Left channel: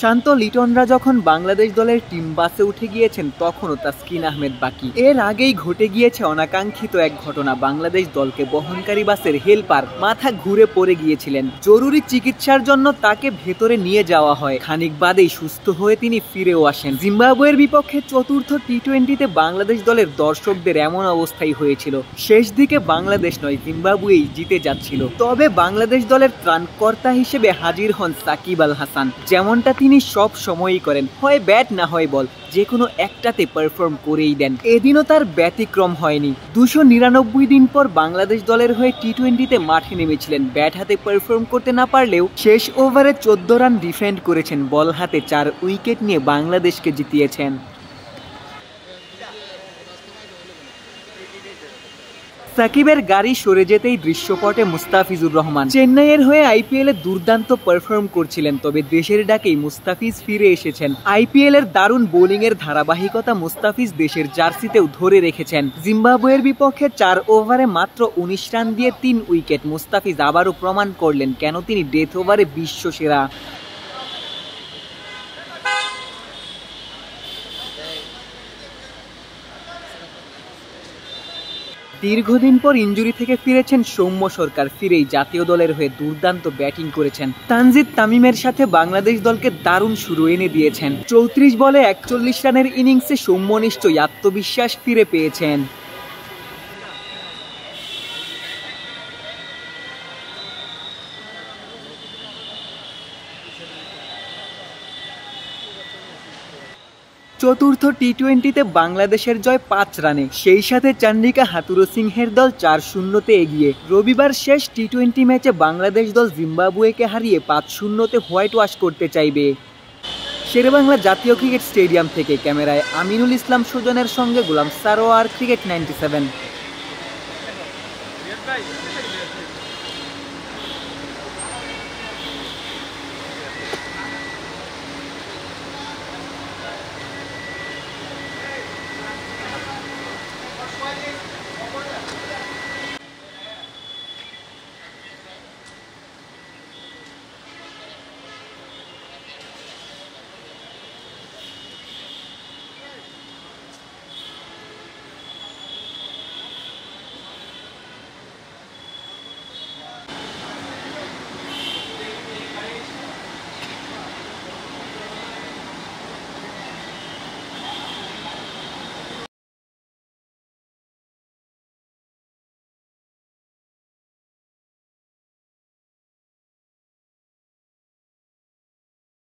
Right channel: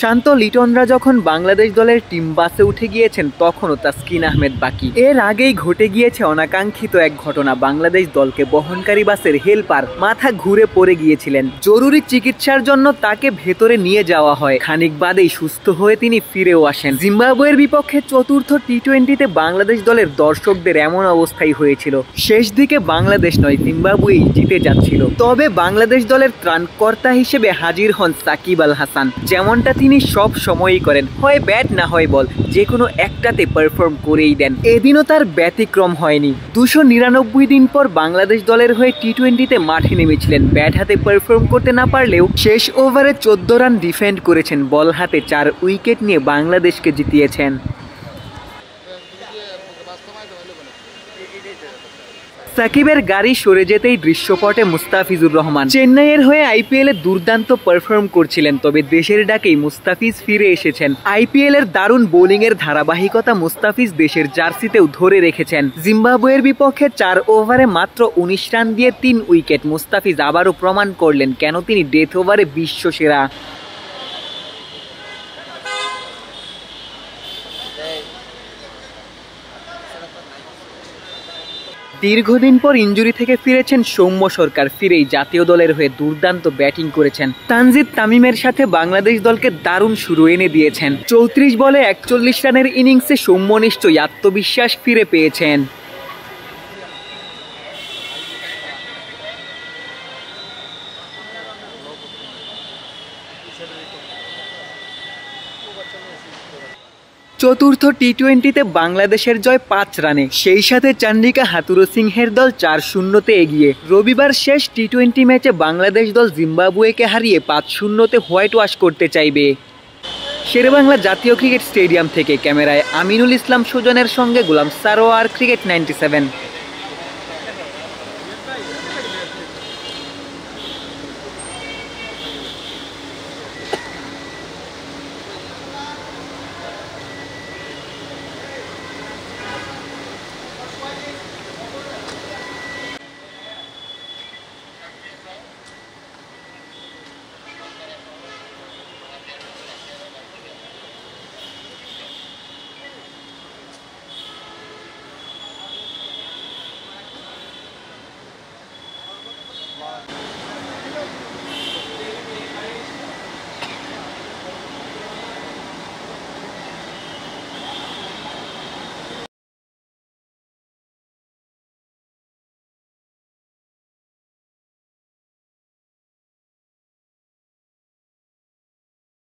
শান্ত লিটনরা যখন বাংলাদেশ দলের টিম বাসে উঠে গিয়েছেন তখনও তাসকিন আহমেদ বাকি। এর আগেই ঘটে গিয়েছে অনাকাঙ্ক্ষিত এক ঘটনা। বাংলাদেশ দলকে বহনকারী বাসের হেলপার মাথা ঘুরে পড়ে গিয়েছিলেন। জরুরি চিকিৎসার জন্য তাকে ভেতরে নিয়ে যাওয়া হয়। খানিক বাদেই সুস্থ হয়ে তিনি ফিরেও আসেন। জিম্বাবুয়ের বিপক্ষে চতুর্থ টি-20তে বাংলাদেশ দলের দর্শকদের এমন অবস্থাই হয়েছিল। শেষ দিকে বাংলাদেশ নয়, জিম্বাবুয়েই জিতে যাচ্ছিল। তবে বাংলাদেশ দলের ত্রাণকর্তা হিসেবে হাজির হন সাকিব আল হাসান। যেমনটা তিনি সব সময়ই করেন, হয় ব্যাট না হয় বল, যে কোনো একটাতে পারফর্ম করেই দেন। এদিনও তার ব্যতিক্রম হয়নি। 299 দিন পর বাংলাদেশ দলের হয়ে টি-20তে মাঠে নেমেছিলেন। ব্যাট হাতে পারফর্ম করতে না পারলেও শেষ ওভারে 14 রান ডিফেন্ড করেছেন। বল হাতে 4 উইকেট নিয়ে বাংলাদেশকে জিতিয়েছেন। সাকিবের গাড়ি সরে যেতেই দৃশ্যপটে মুস্তাফিজুর রহমান। চেন্নাইয়ের হয়ে আইপিএলে দুর্দান্ত পারফর্ম করছিলেন, তবে দেশের ডাকেই মুস্তাফিজ ফিরে এসেছেন। আইপিএল এর দারুণ বোলিং এর ধারাবাহিকতা মুস্তাফিজ দেশের জার্সিতেও ধরে রেখেছেন। জিম্বাবুয়ের বিপক্ষে 4 ওভারে মাত্র 19 রান দিয়ে 3 উইকেট। মুস্তাফিজ আবারও প্রমাণ করলেন কেন তিনি ডেথ ওভারে বিশ্ব সেরা। দীর্ঘদিন পর ইনজুরি থেকে ফিরেছেন সৌম্য সরকার। ফিরেই জাতীয় দলের হয়ে দুর্দান্ত ব্যাটিং করেছেন। তানজিদ তামিমের সাথে বাংলাদেশ দলকে দারুণ শুরু এনে দিয়েছেন। 34 বলে 41 রানের ইনিংসে সৌম্য নিশ্চয়ই আত্মবিশ্বাস ফিরে পেয়েছেন। চতুর্থ টি-20তে বাংলাদেশের জয় 5 রানে, সেই সাথে চন্ডিকা হাথুরু সিংহের দল 4-0-তে এগিয়ে। রবিবার শেষ টি-20 ম্যাচে বাংলাদেশ দল জিম্বাবুয়েকে হারিয়ে 5-0-তে হোয়াইট ওয়াশ করতে চাইবে। শেরেবাংলা জাতীয় ক্রিকেট স্টেডিয়াম থেকে ক্যামেরায় আমিনুল ইসলাম সুজনের সঙ্গে গোলাম সারোয়ার, ক্রিকেট 97।